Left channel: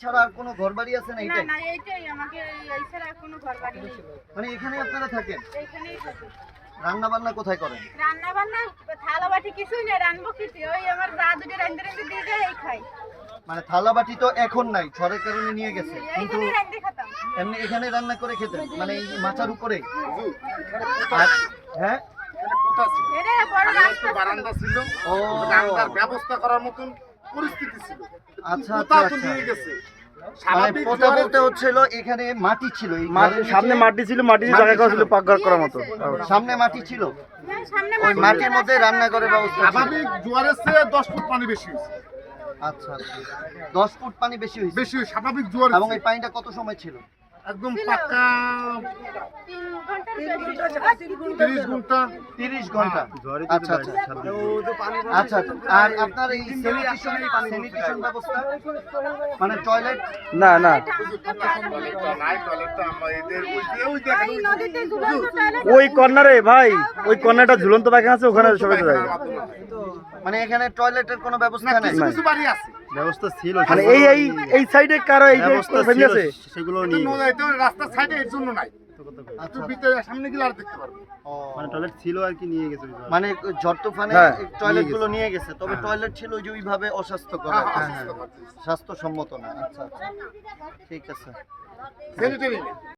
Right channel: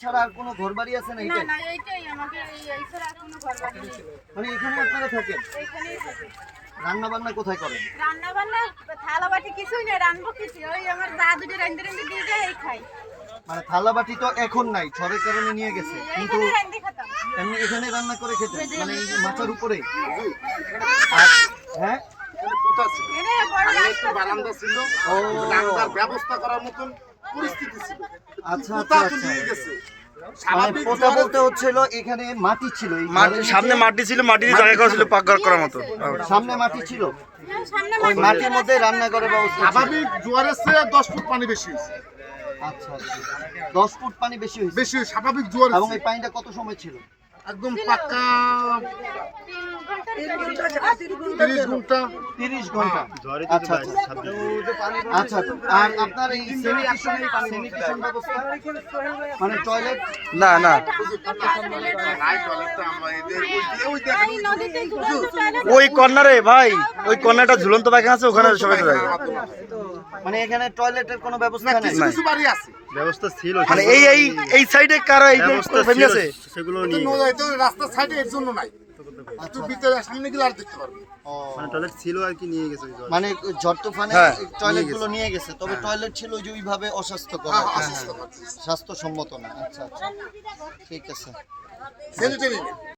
ছাড়া আর কোনো ঘর বাড়ি আছে না না এইটাই? না এইটাই আমাকে এই ছাড়া আর কোনো ঘর বাড়ি নেই। মানে এখানে আপনারা থাকেন? এইখানেই থাকি। রান্না বান্না কোথায় করেন? রান্না বান্না থালা বাটি কিছুই নেই রান্নবো কিছু ওই আমার যা দুটি রান্ধে রান্ধে দিয়ে দেয় এই খাই। মানে থালা বাটি তো এখন নাই ঝড়ের কারণে নিয়ে গেছে। কিন্তু এমনি এখানে রান্না করে খেতেন? মানে এই মাথার উপরে? আর হ্যাঁ? কোথা ছিল বড় রাস্তা বারান্দা ছিল। ও। রান্নার ব্যবস্থা করার মতন পরিস্থিতি ছিল। আচ্ছা আচ্ছা আচ্ছা। নিয়ে গেছে। স্বাভাবিক পোতা বলতে হচ্ছিল এখানে মাটি ছিল সামনে মাটি ছিল মাটি দিয়ে জায়গা করা ছিল পাক ঘর করার মতো। সামনে মাটি ছিল। হ্যাঁ, ওই মাটির মধ্যে রান্না করে ব্যবস্থা স্বাভাবিক জোয়ারের চেয়ে দশ ফুট পানি বেশি আচ্ছা আচ্ছা। দশ ফুট পানি বেশি হয়েছে। বেশি স্বাভাবিক জোয়ার এবং এই পানিটা কত সময় ছিল? একদম পাক্কা। তিরিশ ঘণ্টা? তিরিশ ঘণ্টা। আচ্ছা আচ্ছা আচ্ছা। আর আপনার এই স্যানিটেশন স্যানিটেশন ব্যবস্থা? মানে টয়লেট না না। ওই কর্নারে ভাই। ওই কর্নারটা ঝুলন্ত পায়খানা আছে ওখানে সবাই যায় মানে এখানে টয়লেটের কোনো ব্যবস্থা নেই? কিছু কিছু বাড়ি আছে। ব্যবস্থা ছিল মানে এই এই এই সাইডে কারও এই ব্যবস্থা আছে? সেগুলো নিয়ে। রাস্তার সাইডে এর জন্য নাই। একটু ভিতরে সামনে গেলে আর দেখতে পারবে। মানে টয়লেট ছিল আর কি নিয়ে গেছে মানে ঝড় তুফানে হ্যাঁ, টয়লেটগুলো নিয়ে গেছে তবে টয়লেট ছিল ওই যে ওইভাবে অস্বাস্থ্যকর কি। অসুস্থ স্বাস্থ্যসম্মত না আচ্ছা আচ্ছা। ঠিক আছে। স্যানিটারি